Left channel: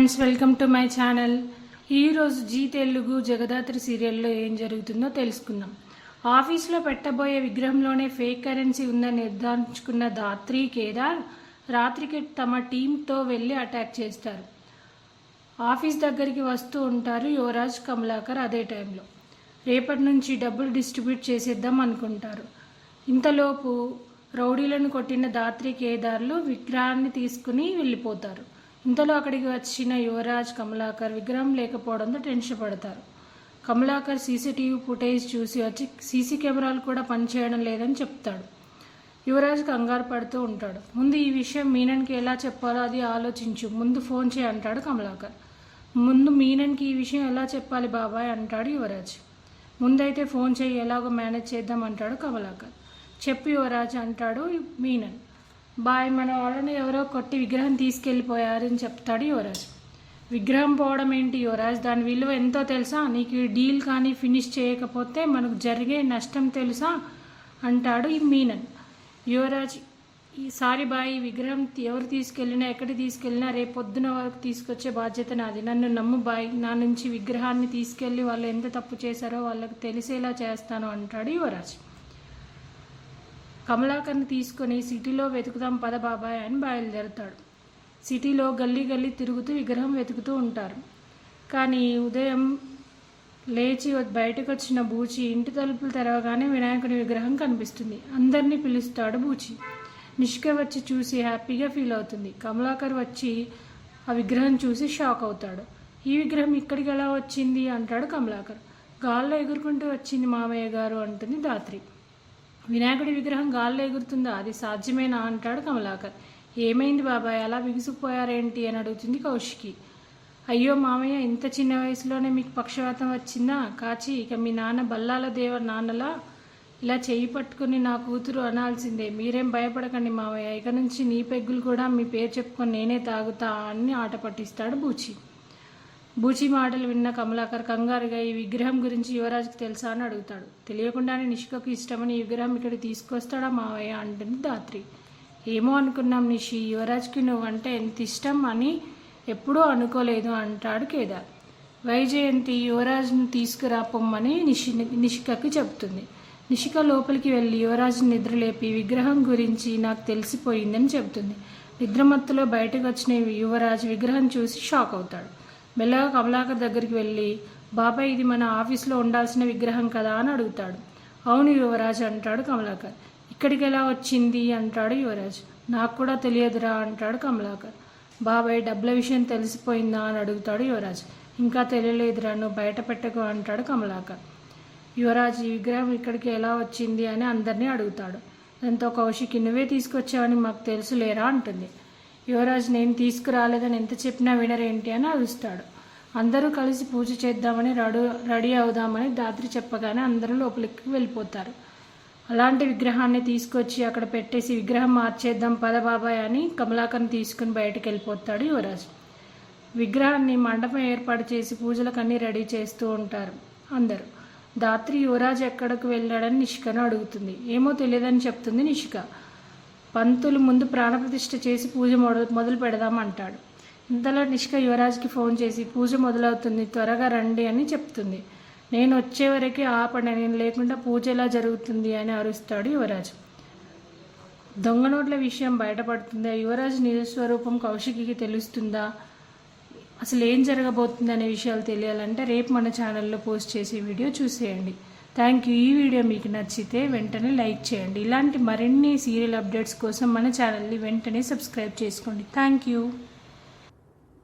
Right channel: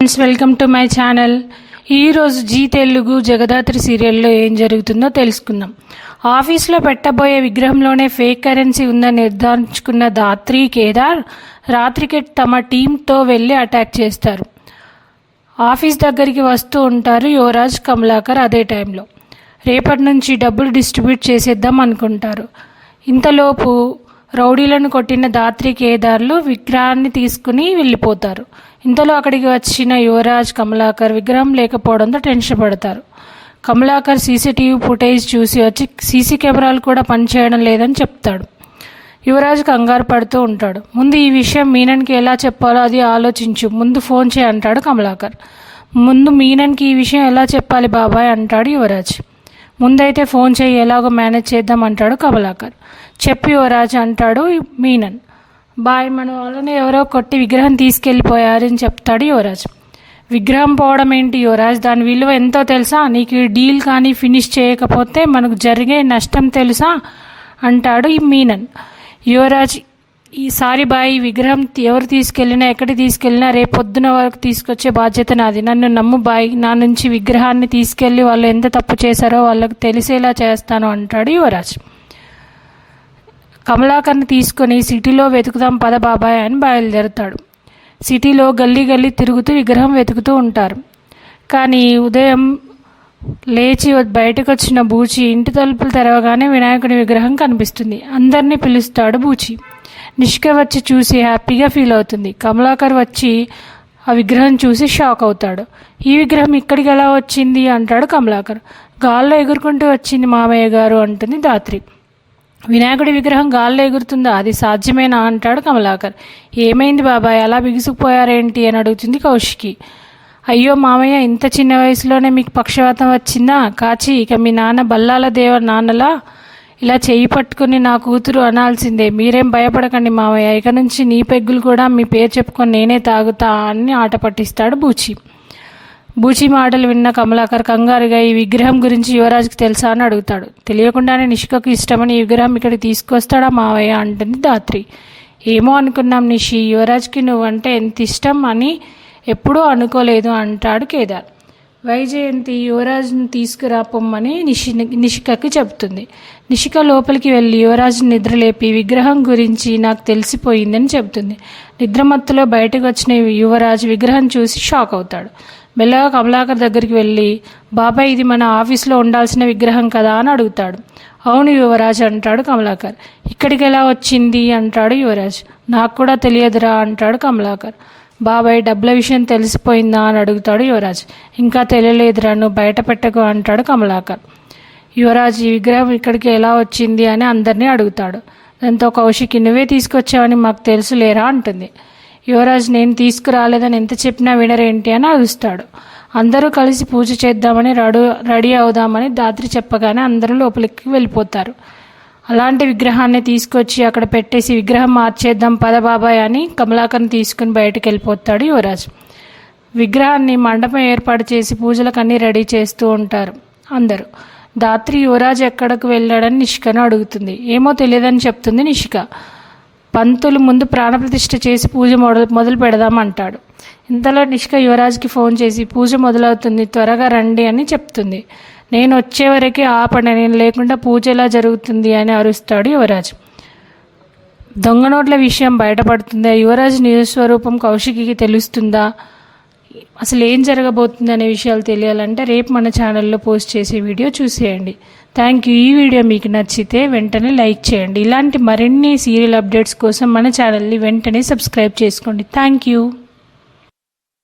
Friends welcome to my channel ఈరోజు Zee Telugu Jagadhatri సీరియల్లో ఏం జరుగుతుందో తెలుసుకుందాం. ఆఫీస్లో పెట్టబోయే విగ్రహంలోనే ఫేక్ కరెన్సీ ఉందని నిర్ధారించుకున్న దాత్రి కేదార్ రాత్రికి తమ టీంతో వెళ్ళి అటాక్ చేస్తారు. ఆఫీస్ దగ్గరికి వస్తూ ఉంటారు యువరాజ్ కమలాకర్ అదే టైంలో రేపటి నుంచి డబ్బులు డిస్ట్రిబ్యూట్ చేసేద్దాం అనుకుంటారు. ఇంతలోపు రౌడీలను కొట్టిన దాత్రి కేదార్లు విగ్రహాన్ని తీసుకుని వెళ్ళిపోతారు. ఇంతలో అక్కడికి వచ్చిన యువరాజ్ కమలాకర్ విగ్రహం లేకపోవడంతో టెన్షన్ పడతారు. కమలాకర్ సీసీటీవీ ఫుటేజ్ చూసి వచ్చి సీసీ కెమెరాలు కూడా పనిచేయడం లేదని చెప్తాడు. యువరాజ్ కంగారు పడుతూ ఉంటాడు. ముందు ఈ విషయం మీనన్కి ఎలా చెప్పాలో అది ఆలోచించు ముందు ఫోన్ చేయి అంటాడు కమలాకర్. ముందు మీనన్కి ఈ విషయం ఎలా చెప్పాలి బాబాయ్ అంటాడు యువరాజ్. ముందైతే ఫోన్ చేయి ఎలాగో మేనేజ్ చేద్దాం అంటాడు కమలాకర్. చెప్పి యువరాజ్ అంటాడు మీనన్. బాయ్ మన వాళ్ళని ఎవరో కొట్టి విగ్రహం తీసుకెళ్ళిపోయారని చెప్తాడు యువరాజ్. విగ్రహం పోవడం ఏంటి యువరాజ్? దాని విలువ ఎంతో తెలుసా? నీకు డీల్ కానీ ఫినిష్ చేయకపోతే మనకు జరిగే నష్టం తెలుసా? అంటాడు ఈ మీనన్. యువరాజ్ ఈసారి బాయ్ ఈ విగ్రహం ఎవరు తీసుకెళ్ళినా ఎక్కడికి తీసుకెళ్ళినా రేపు పొద్దున వరకు తీసుకొచ్చే బాధ్యత నాది. నన్ను నమ్ము బాయ్. నా నుంచి విగ్రహాన్ని తీసుకెళ్ళి వాళ్ళు ఎంత తప్పు చేశారో వాళ్ళకు తెలిసేలా చేస్తాను అంటాడు యువరాజ్. కమలాకర్ని తీసుకొని సిటీలో వెతుకుదాం పద బాబాయ్ అని బయలుదేరుతాడు. సిటీలో గల్లీ గల్లీ తిరుగుతూ విగ్రహం వెతుకుతూ ఉంటారు. కానీ ఉదయం లేచి బయటకు వచ్చిన బూచి ఇంటి తలుపులు తెరవగానే వినాయకుని విగ్రహం కనిపిస్తుంది. అందరినీ పిలుస్తాడు బూచి. నిష్క వచ్చి చూసి హ్యాపీగా ఫీల్ అవుతుంది. కమలాకర్ వచ్చి ఆ విగ్రహం చూసి షాక్ అవుతాడు. ఈ విగ్రహం ఇక్కడికి ఎలా వచ్చింది? అంటాడు కమలాకర్. గాల్లో ఎగురుకుంటూ వచ్చింది మామయ్య గారు అంటుంది దాత్రి వినాయకుడి విగ్రహం గాల్లో ఎగురుతుందా? అది సాధ్యమేనా? అంటాడు కమలాకర్. ఏమైంది బాబాయ్? అలా బిగుసుకుపోయారేంటి అని అడుగుతుంది కౌశికి. అయ్యో మామయ్య ఇంత చిన్న వయసులోనే మీకు పక్షవాతం వచ్చిందా? కాచి ఇక మీ నాన్న బల్లాల దేవ నాన్నలా ఇలా చేయి పట్టుకుని నా కూతురు అనాల్సిందే. మీరేం భయపడకండి మామయ్య. ఇక నుంచి నీ పెగ్గులు కూడా మీ పేరు చెప్పుకొని నేనే తాగుతా అని ఆట పట్టిస్తాడు బూచి. బూచి మాటలు విన్న కమలాకర్ కంగారుగా ఈ విగ్రహం గురించి యువరాజుకి తెలుసా? అని అడుగుతాడు. తెలియకుండానే నిషికకు ఇష్టమని ఈ విగ్రహం ఇక్కడికి తీసుకొస్తాడా మావయ్య? అంటుంది దాత్రి ఏమో అనుకున్నాం నిషి యువరాజ్కి నువ్వంటే ఎంత ఇష్టం అని ఎప్పుడూ అనుకోలేదు అంటాడు కేదార్. వైజయంతి యువరాజుని తీసుకురా పొమ్మని నిషి నిషికకు చెబుతుంది. నిషిక లోపలికి వెళ్ళి యువరాజుని నిద్రలేపి విగ్రహం గురించి నాకు తెలిసిపోయిందని చెబుతుంది. నిద్రమత్తులో బయటకు వచ్చిన యువరాజు విగ్రహం చూసి షాక్ అవుతాడు. మెల్లగా కమలాకర్ దగ్గరికి వెళ్ళి బాబాయ్ ఇది మన ఆఫీస్లో ఉండాల్సిన విగ్రహం కదా అని అడుగుతాడు. అవును యువరాజ్ అంటాడు కమలాకర్. ఇక్కడికి ఎలా వచ్చింది? అంటాడు యువరాజ్. నాకు కూడా తెలియదురా అంటాడు కమలాకర్. బాబాయ్ డబ్బుల విషయం తెలిసిపోయిందా? అని అడుగుతాడు యువరాజ్. ఇంకా తెలియలేదురా నువ్వు బయట పెట్టకు అంటాడు కమలాకర్. యువరాజ్ ఈ విగ్రహం ఇక్కడికి ఎలా వచ్చింది? అని అందరినీ అడుగుతాడు. దాంతో కౌశికి నువ్వే తీసుకొచ్చావని మాకు తెలుసులేరా అంటుంది. యువరాజ్ నేను తీసుకురాలేదని ఎంత చెప్పినా వినరేంటి అని అరుస్తాడు. అందరూ కలిసి పూజ చేద్దామని రెడీ రెడీ అవుదామని దాత్రి చెప్పగానే అందరూ లోపలికి వెళ్ళిపోతారు. అలాంటి విగ్రహాన్ని తీసుకొచ్చి అక్కడ పెట్టేసి విగ్రహం మార్చేద్దాం పద బాబాయ్ అని కమలాకర్ని తీసుకుని బయటకు వెళ్ళిపోతాడు యువరాజ్. విగ్రహాన్ని మండపం ఏర్పాటు చేసి పూజలకు అన్నీ రెడీ చేస్తూ ఉంటారు అందరూ. దాత్రి యువరాజ్ ఎక్కడికి వెళ్ళాడని నిషికను అడుగుతుంది. ఏమో తెలియదని చెప్తుంది నిష్క. పంతులు ముందు ప్రాణప్రతిష్ఠ చేసి పూజ మొదలు మొదలు పెడదామంటాడు. ఇంతలో నిష్క యువరాజ్కి ఫోన్ చేసి పూజ మొదలవుతుంది త్వరగా రండి అని చెప్తుంది. నేను వచ్చే వరకు ఆపండి నేను లేకుండా పూజ ఎలా జరుగుతుంది అని అరుస్తాడు యువరాజ్. దొంగ నోట్ల విషయం బయటపడుతుందా? యువరాజ్ నిజస్వరూపం కౌశికికి తెలుస్తుందా? అసలు ఏం జరగబోతుంది అనే విషయాలు తెలియాలంటే రేపు మన ఛానల్లో పోస్ట్ చేసే వీడియో చూసేయండి. థ్యాంక్ యూ ఈ వీడియో మీకు నచ్చితే వెంటనే లైక్ చేయండి. ఇలాంటి మరిన్ని సీరియల్ అప్డేట్స్ కోసం మన ఛానల్ని వెంటనే సబ్స్క్రైబ్ చేసుకోండి. Thank you